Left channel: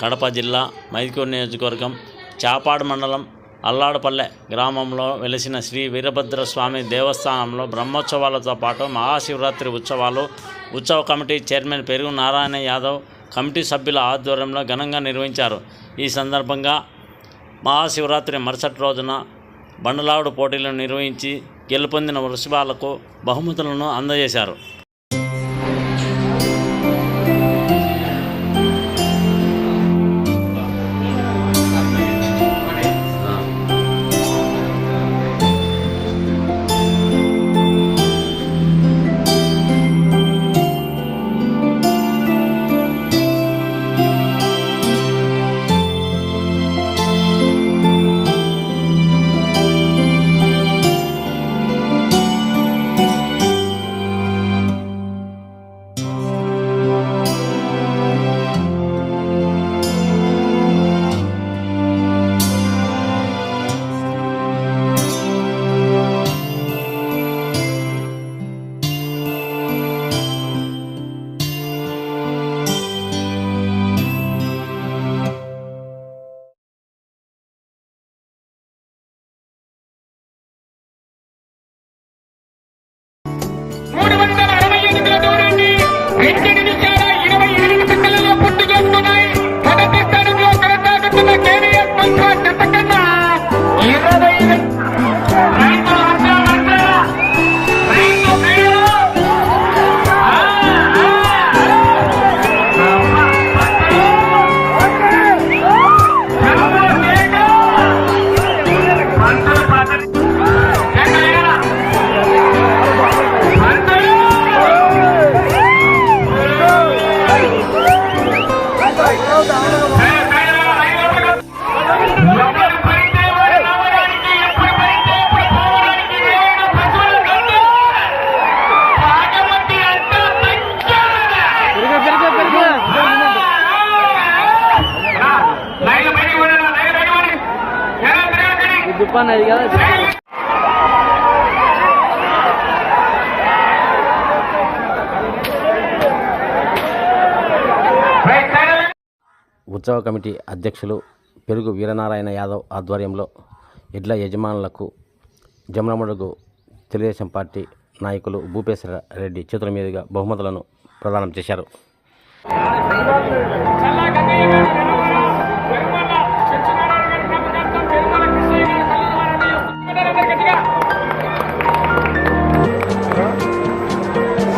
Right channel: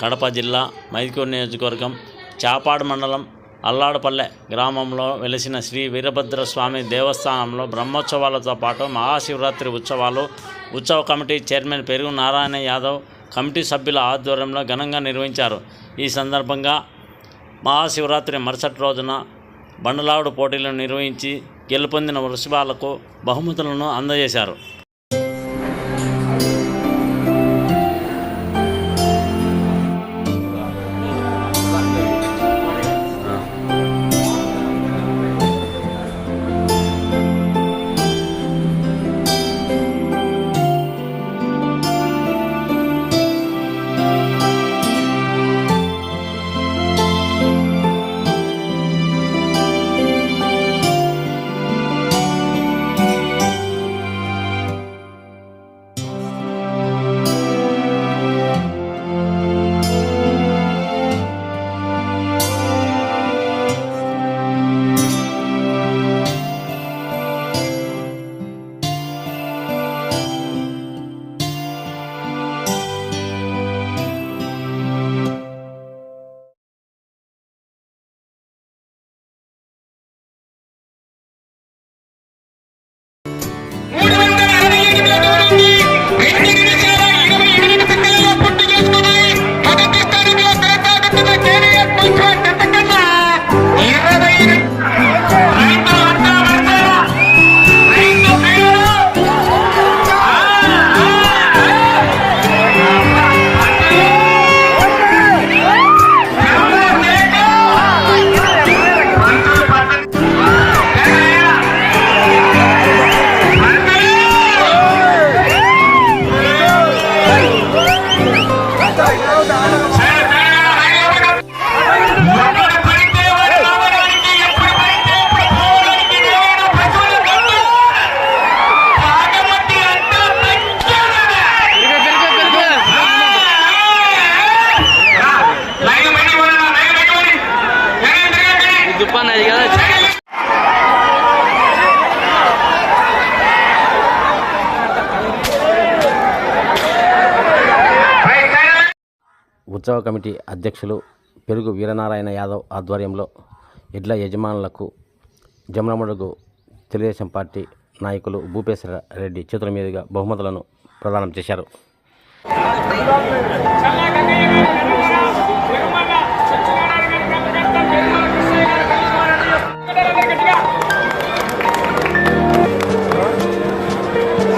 కడప జిల్లా మైదుకూరు నియోజకవర్గం చాపాడు మండలం అల్లాడపల్లె గ్రామంలో వెలిసిన శ్రీ వీరభద్ర స్వామి దేవస్థానంలో బ్రహ్మోత్సవాలతో పాటు మహాశివరాత్రి ఉత్సవాలు. ఉత్సవ కమిటీ చైర్మన్ పెరుగు నారాయణ యాదవ్ కమిటీ సభ్యుల ఆధ్వర్యంలో ఘనంగా నిర్వహించారు. ఈ సందర్భంగా మహాశివరాత్రి మరుసటి రోజున బండలావుడు పోటీలను నిర్వహించి గెలుపొందిన వృషభాలకు బహుమతులను అందజేశారు. బయట అది కదా. ఉత్సవ కమిటీ అధ్యక్షులు పెరుగు వీరనారాయణ యాదవ్ ఆధ్వర్యంలో ఎడ్ల యజమానులకు జమలమడుగు తెలుగుదేశం పార్టీ నాయకులు భూపేశ్వర రెడ్డి చేతుల మీదుగా బహుమతులను ప్రదానం చేశారు.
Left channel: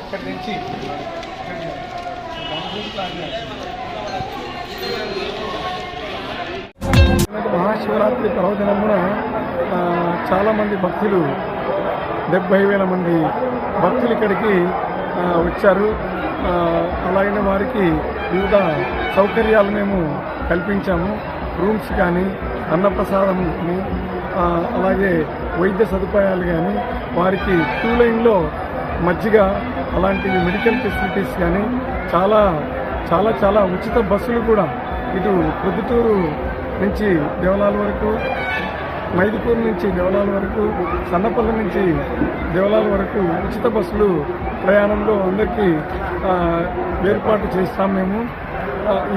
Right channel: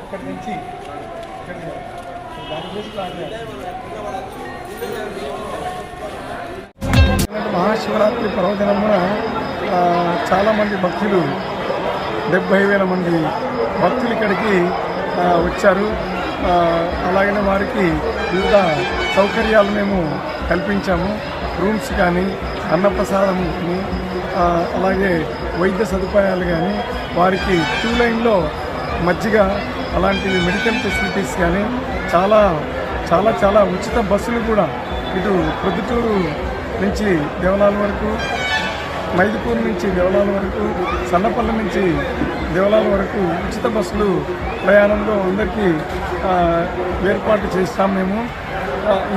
అక్కడి నుంచి ఇక్కడికి మహాశివరాత్రి పర్వదినమున చాలామంది భక్తులు డెబ్భై వేల మంది భక్తులు ఇక్కడికి వచ్చారు. అలాగే వారికి వివిధ సౌకర్యాలు మేము కల్పించాము. రూమ్స్ కానీ అన్నప్రసాదం కానీ అలాగే వైద్య సదుపాయాలు కానీ వారికి టూ లైన్లో మజ్జిగ అలాంటి మెడికల్ ఫెసిలిటీస్ కానీ చాలా చాలా చాలా ఉచిత బస్సులు కూడా ఇటు ప్రొద్దుటూరు నుంచి దేవలాల వరకు మైదుకూరు నుంచి దేవలాల వరకు సన్నపల్లి నుంచి దేవలాల వరకు ఉచిత బస్సులు ప్రయాణంలో అందరికీ ఏర్పాటు చేస్తాం మేము.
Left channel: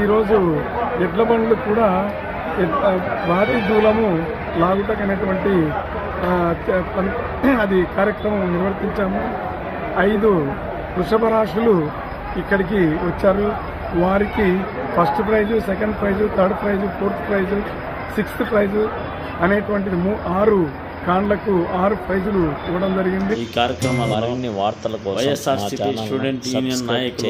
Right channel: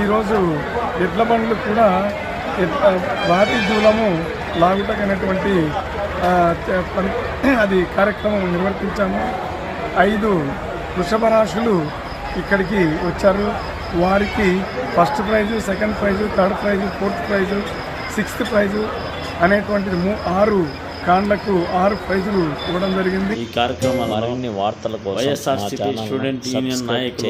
ఈరోజు ఎడ్ల బండ్లు కూడా ఎడ్- దూలము లాగుటకైనటువంటి అది కార్యక్రమం నిర్వర్తించాము. ఐదు వృషభ రాశులు ఇక్కడికి వచ్చారు. వారికి first prize second prize third prize fourth prize sixth prize అనేటువంటిది మూ ఆరు కాండ్లకు ఆరు ప్రైజులు ఇవ్వడం జరిగింది. ఈ కార్యక్రమాలు మరిన్ని వార్తల కోసం వైఎస్ఆర్సీపీ స్టూడెంట్ యూనియన్ నాయకులు